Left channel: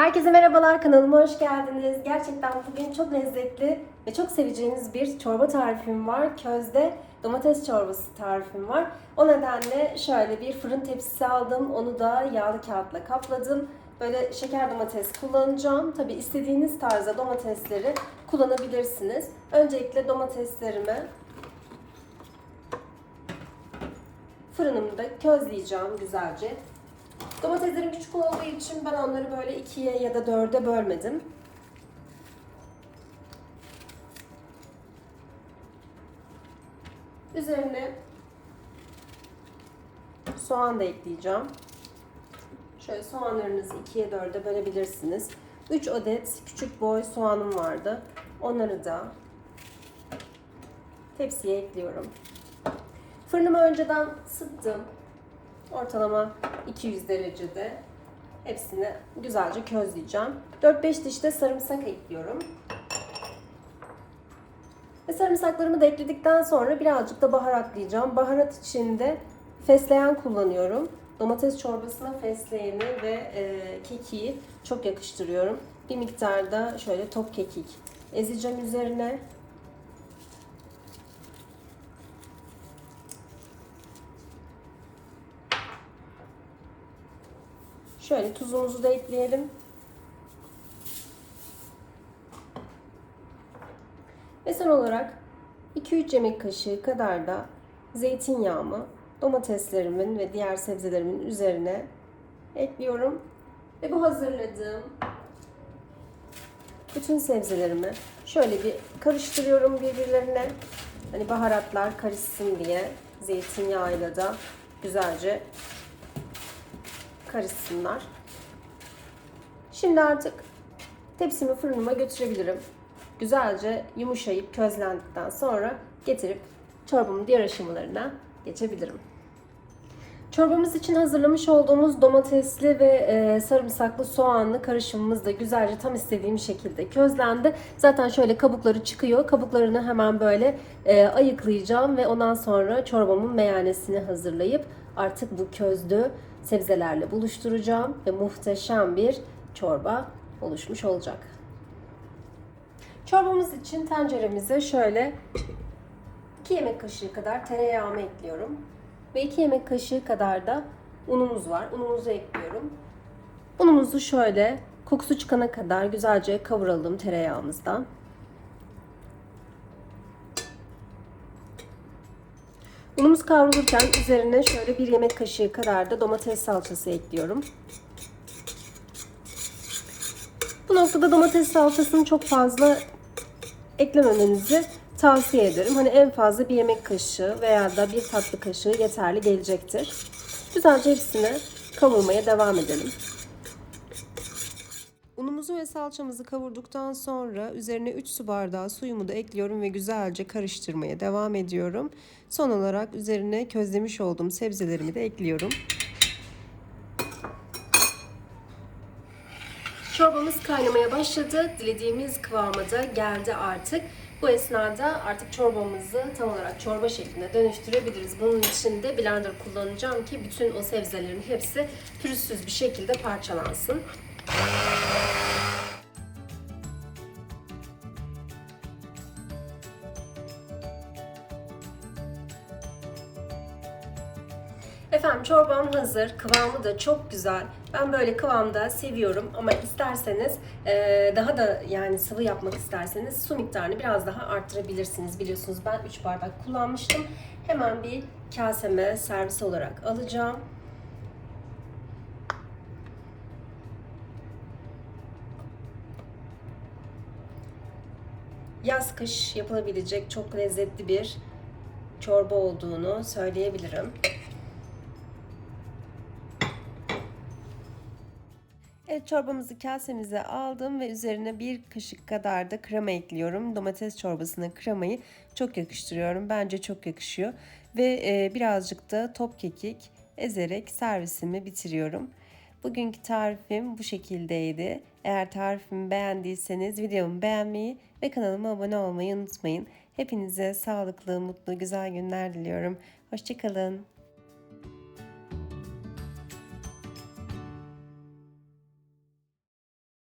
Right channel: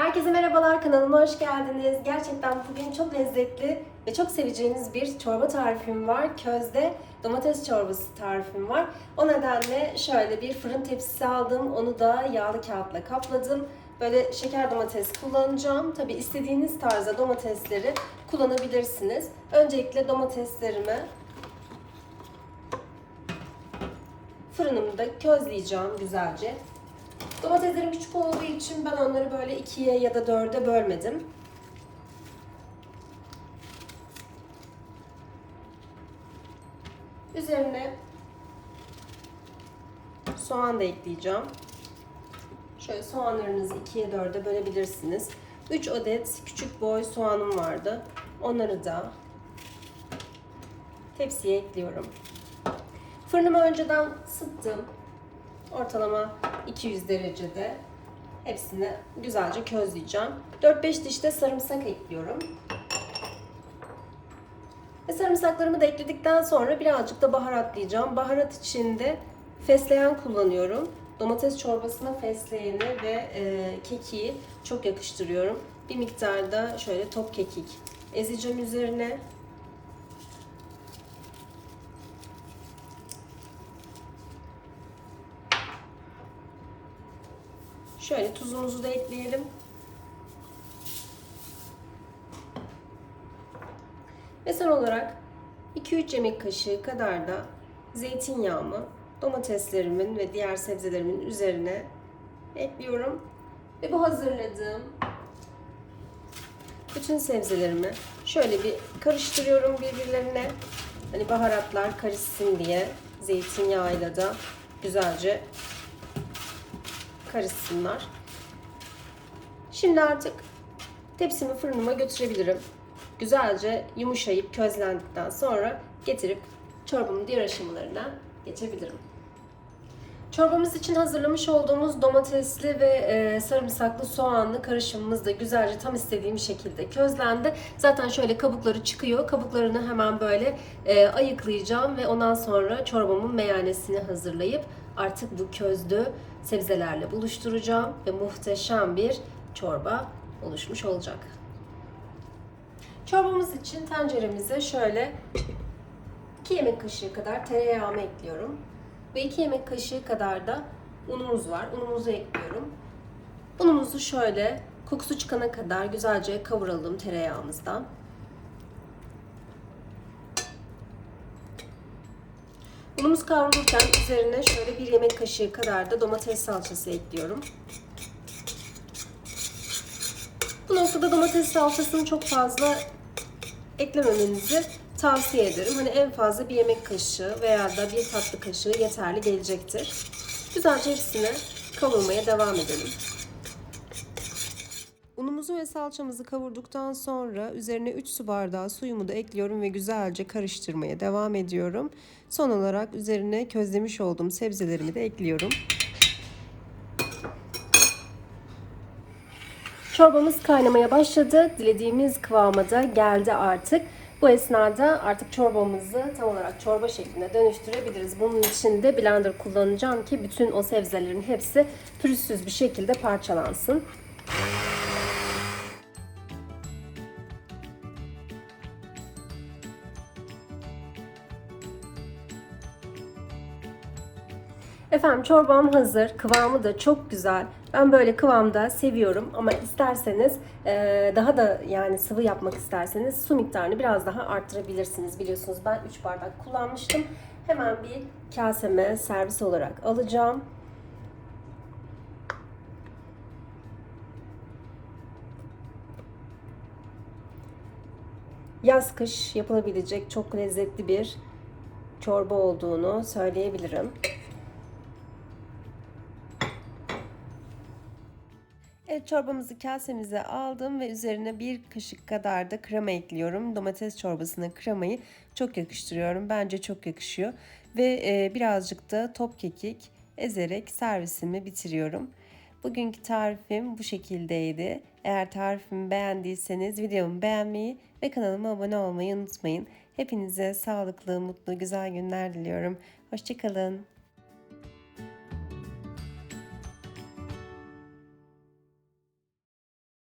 Herkese merhabalar kanalıma hoş geldiniz. Gerçekten bugün çok lezzetli ve çok seveceğiniz bir çorba tarifim var. Közde domates çorbası tarifim var. O nedenle şöyle bir fırın tepsisi aldım. Onu da yağlı kağıtla kapladım. Böyle şeker domates kullanacağım. Tabi istediğiniz tarzda domatesleri kullanabilirsiniz. Öncelikle domateslerimi fırınımda közleyeceğim güzelce. Domateslerim küçük olduğu için ben onları böyle ikiye ya da dörde bölmedim. Üzerine soğan da ekleyeceğim. Şöyle soğanlarınızı ikiye dörde bölebilirsiniz. 3 adet küçük boy soğanım vardı. Onları da tepsiye ekliyorum. Fırınımı önceden ısıttım. Ortalama 200 derecede hepsini güzelce közleyeceğim. 4-5 diş de sarımsak ekliyorum. Ve sarımsaklarımı da ekledikten sonra birazcık da baharatlayacağım. Baharat içinde fesleğen kullanıyorum. Domates çorbasına fesleğeni ve e, kekiği çok yakıştırıyorum. Bir miktar da şöyle top kekik ezeceğim üzerine. Şöyle tuzumuzu da ekleyelim. Ve son olarak 2-3 yemek kaşığı kadar da zeytinyağımı domateslerimin ve diğer sebzelerimin üzerine ekliyorum. Ve bu hazırladığım bütün sebzelerimi şöyle bir karıştırıyorum birbirlerine. Hani baharatlar karışsın diye zeytinyağıyla da güzelce karışsınlar. Şimdi artık tepsimi fırınıma götürebilirim. Güzelce yumuşayıp közlendikten sonra getirip çorbamın diğer aşamalarına geçebilirim. Çorbamız için hazırlamış olduğumuz domatesli ve e, sarımsaklı soğanlı karışımımız da güzelce tam istediğim şekilde közlendi. Zaten şöyle kabukları çıkıyor. Kabuklarını hemen böyle e, ayıklayacağım ve ondan sonra çorbamın meyanesini hazırlayıp artık bu közlü sebzelerle buluşturacağım ve muhteşem bir çorba oluşmuş olacak. Çorbamız için tenceremize şöyle 2 yemek kaşığı kadar tereyağımı ekliyorum. Ve 2 yemek kaşığı kadar da unumuz var. Unumuzu ekliyorum. Unumuzu şöyle kokusu çıkana kadar güzelce kavuralım tereyağımızdan. Unumuz kavrulurken üzerine şöyle bir yemek kaşığı kadar da domates salçası ekliyorum. Bu noktada domates salçasını çok fazla eklememenizi tavsiye ederim. Hani en fazla bir yemek kaşığı veya da bir tatlı kaşığı yeterli gelecektir. Güzelce hepsini kavurmaya devam edelim. Unumuzu ve salçamızı kavurduktan sonra üzerine 3 su bardağı suyumu da ekliyorum ve güzelce karıştırmaya devam ediyorum. Son olarak üzerine közlemiş olduğum sebzelerimi de ekliyorum. Çorbamız kaynamaya başladı. Dilediğimiz kıvama da geldi artık. Bu esnada artık çorbamızı tam olarak çorba şekline dönüştürebiliriz. Bunun için de blender kullanacağım ki bütün o sebzelerin hepsi pürüzsüz bir şekilde parçalansın. Efendim çorbam hazır. Kıvamı da çok güzel. Ben böyle kıvamda seviyorum ama isterseniz e, daha da yani sıvı yapmak isterseniz su miktarını biraz daha arttırabilirsiniz. Biliyorsunuz ben 3 bardak kullanmıştım. Hemen bir kaseme servis olarak alacağım. Yaz kış yapılabilecek çok lezzetli bir çorba olduğunu söyleyebilirim. Evet çorbamızı kasemize aldım ve üzerine bir kaşık kadar da krema ekliyorum. Domates çorbasına kremayı çok yakıştırıyorum. Bence çok yakışıyor. Ve e, birazcık da top kekik ezerek servisimi bitiriyorum. Bugünkü tarifim bu şekildeydi. Eğer tarifimi beğendiyseniz videomu beğenmeyi ve kanalıma abone olmayı unutmayın. Hepinize sağlıklı, mutlu, güzel günler diliyorum. Hoşçakalın.